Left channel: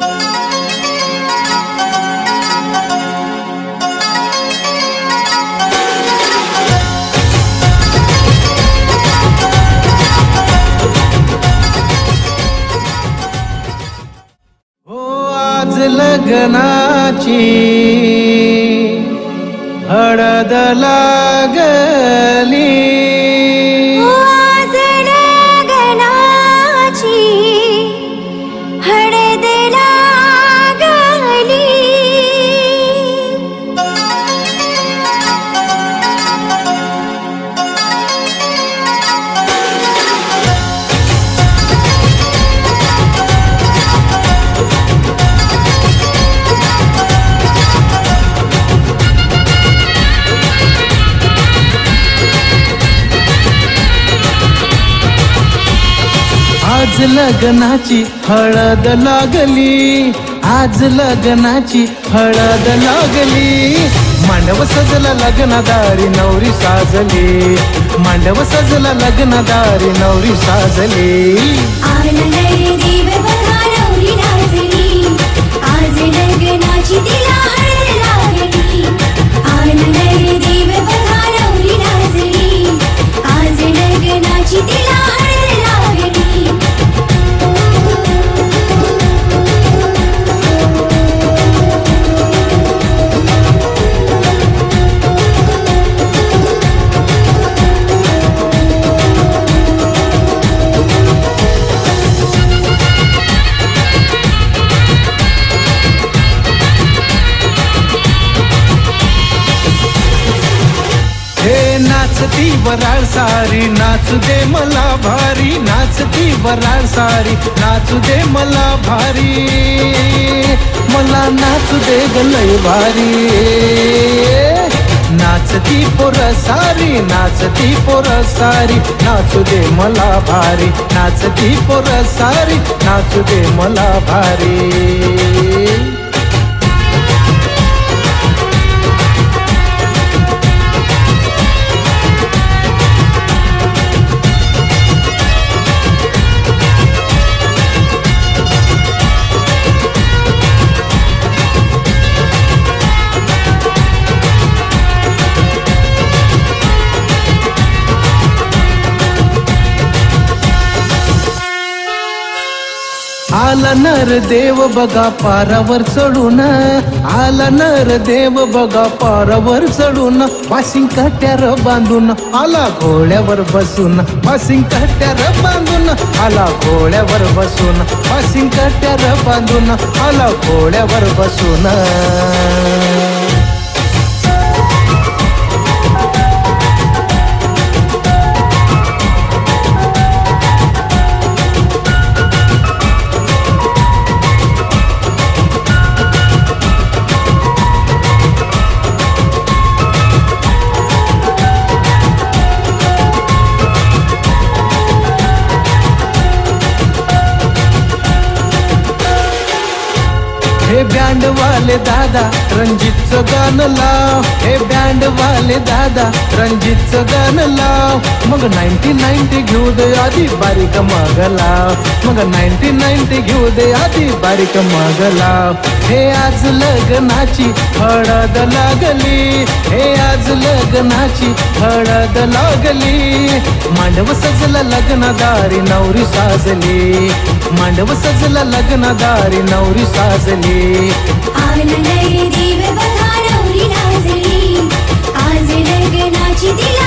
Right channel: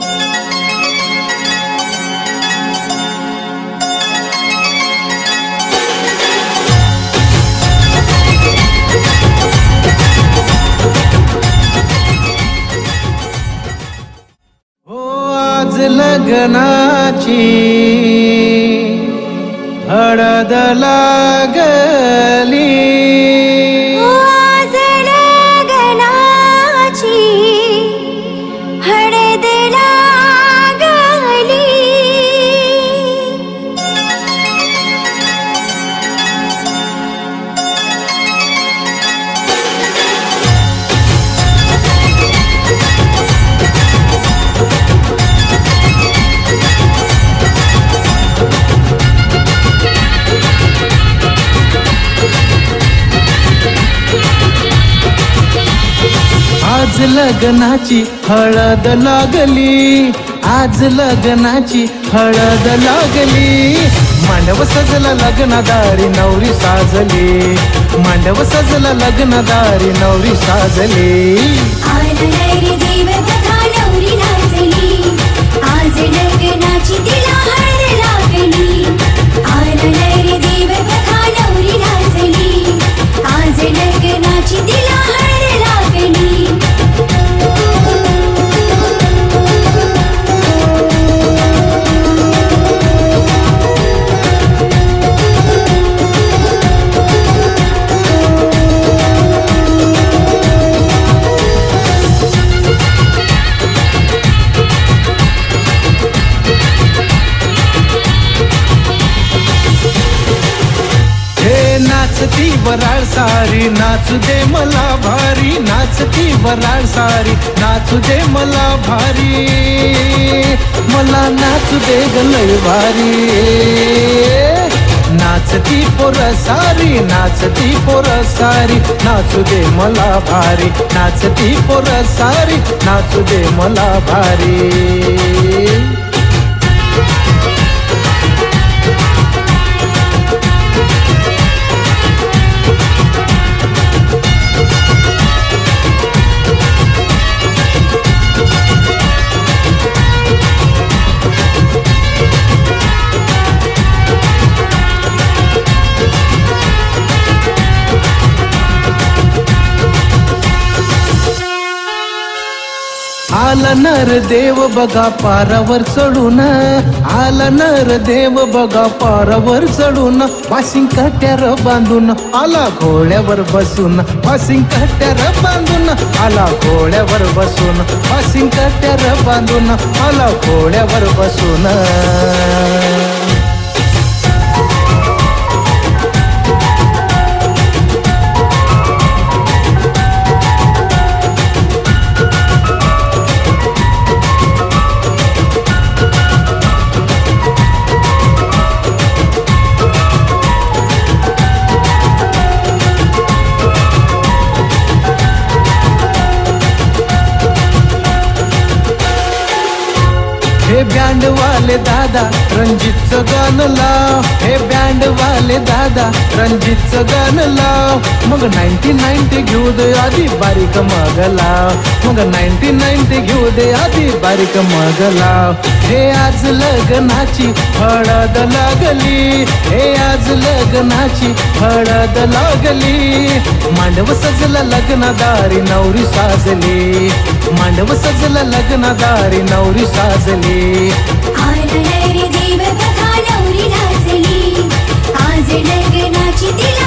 आज लग्नाची हळद लागली, आज लग्नाची हळद लागली, आज लग्नाची हळद लागली, आज लग्नाची हळद लागली, मांडव सजला लग्नदारी नवरी साजली, मांडव सजला लग्नदारी नवरी साजली। आला रे देव बघा नवरी नाचली, आज लग्नाची तिला हळद लागली, आला रे देव बघा नवरी नाचली, आज लग्नाची तिला हळद लागली। हे नाचती वराळ सारी नाचू दे मला भारी, नाचती वराळ सारी नाचू दे मला भारी, मला नाचू दे ग लय भारी। नाचती पोर सारी नाचती पोर सारी नाचू दे मला भारी, नाचती पोर सारी नाचू दे मला भारी। आला नर देव बघा पारावर चढून, आला नर देव बघा पारावर चढून, पासिंग कट्यार बांधून आला घोड्यावर बसून, पासिंग कट्यार बांधून आला घोड्यावर बसून, पासिंग कट्यार बांधून आला घोड्यावर बसून। हे बँड वाले दादा रणजितचं गाणं लाव, हे बँड वाले दादा रणजितचं गाणं लाव, मग 1990 घेऊ दे आधी बारीक मग लाव, मग 1990 घेऊ दे आधी बारीक मग लाव। हे आज लग्नाची हळद लागली, हे आज लग्नाची हळद लागली, मांडव सजला लग्नदारी नवरी साजली, मांडव सजला लग्नदारी नवरी साजली। आला रे देव बघा नवरी नाचली, आज लग्नाची तिला